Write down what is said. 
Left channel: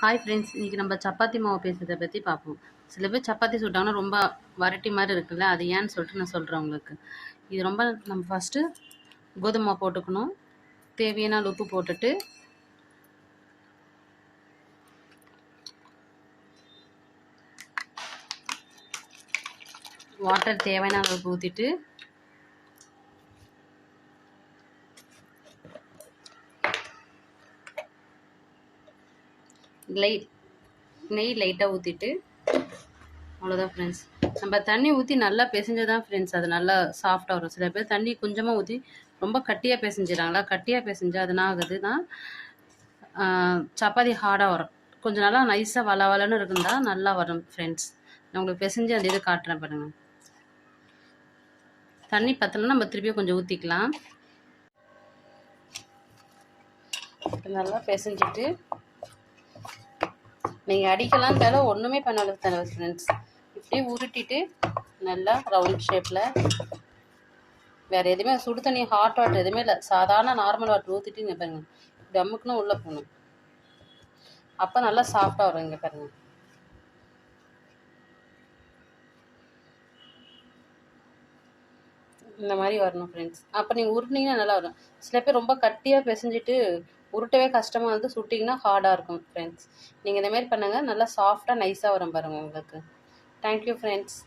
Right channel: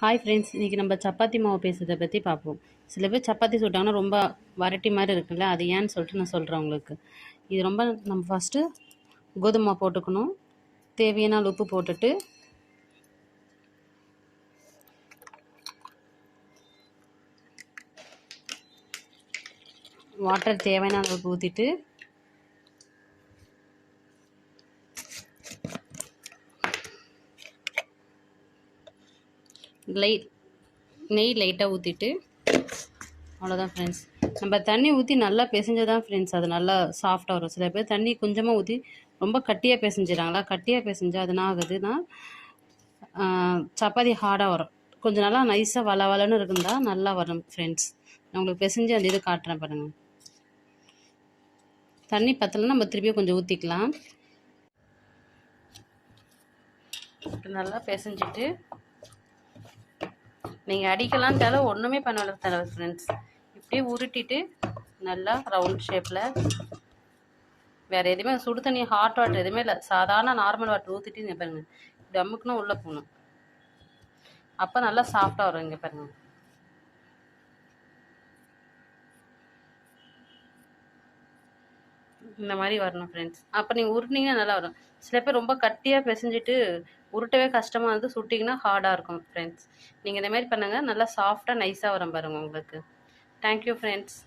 Hi friends இன்றைக்கி நம்ம சப்பாத்தி மாவு பேசுறதை பற்றி பார்ப்போம். சில பேர் சப்பாத்தி சுட்டாங்கன்னா ரொம்ப வரட்டி மாதிரி இருக்குல்ல அது ஏன்னு சொல்லிட்டு நான் சொல்கிறேன் உங்களுக்கு. இது ரொம்ப நம்ம ஃபஸ்ட்டு கோதுமை மாவு போட்டுக்கணும். தேவையான அளவு உப்பு போட்டுட்டு வாட்டர் தேவையான அளவுக்கு ஊற்றிட்டு லைட் நெய் லைட்டாக ஊற்றிட்டு அவ்வளோதான் ஃப்ரெண்ட்ஸ் நம்ம தண்ணி ஊற்றி நல்லா பிசைஞ்சதான் ஃப்ரெண்ட்ஸ் அது நல்லா சாஃப்டாக வரும். சில பேர் தண்ணி கொஞ்சமாக ஊற்றி ரொம்ப கட்டியாக பிசைஞ்சிடறாங்களா? கட்டியாக பிசைஞ்சு அது என்ன ஆகுதுன்னா சப்பாத்தி ஹார்டாக வரும். கொஞ்சம் நல்லா நைஸாக வள வளன்னு இருக்குந்தா நல்லா வரும் ஃப்ரெண்ட்ஸ் நான் உங்களுக்கு பிசைஞ்சு அந்த இது காட்டுறேன் பாருங்கள் தண்ணி பத்தலைன்னா நம்ம திருப்பியும் கொஞ்சம் ஊற்றிக்கலாம் நல்லா பிசைஞ்சிட்டு நீங்கள் அடிக்கலாம் தேவை ஒன்றுமே பண்ணல தேவை ஃப்ரெண்ட்ஸ் இப்படியே உருட்டிட்டு நல்லா ரவுண்ட் ஷேப்பில் வேறு எதுவுமே சுடு தண்ணி ஹாட் வாட்டர் எதுவுமே இல்லை. சாதாரண நார்மல் வாட்டர் ஊற்றிட்டு இங்கே பாருங்கள் இப்படி உள்ளே போகணும். அப்போ நல்லா சாஃப்டாக வரும் இங்கே பாருங்கள் இந்த மாதிரி வரணும் ஃப்ரெண்ட்ஸ் அப்போ நீங்கள் உருட்டினீங்கன்னா நல்லா வரும். சில பேர் ரொம்ப கட்டியாக பிசைஞ்சிட்டு உருட்டவே கஷ்டமாக இருந்து சுட்டிங்கன்னா ஹார்டாக இருக்கும் ஃப்ரெண்ட்ஸ் நீங்கள் இந்தமாரி பண்ணுங்கள் நல்லா சாஃப்டாக நைஸாக வரும் பாருங்கள் உங்களுக்கு. Thank you friends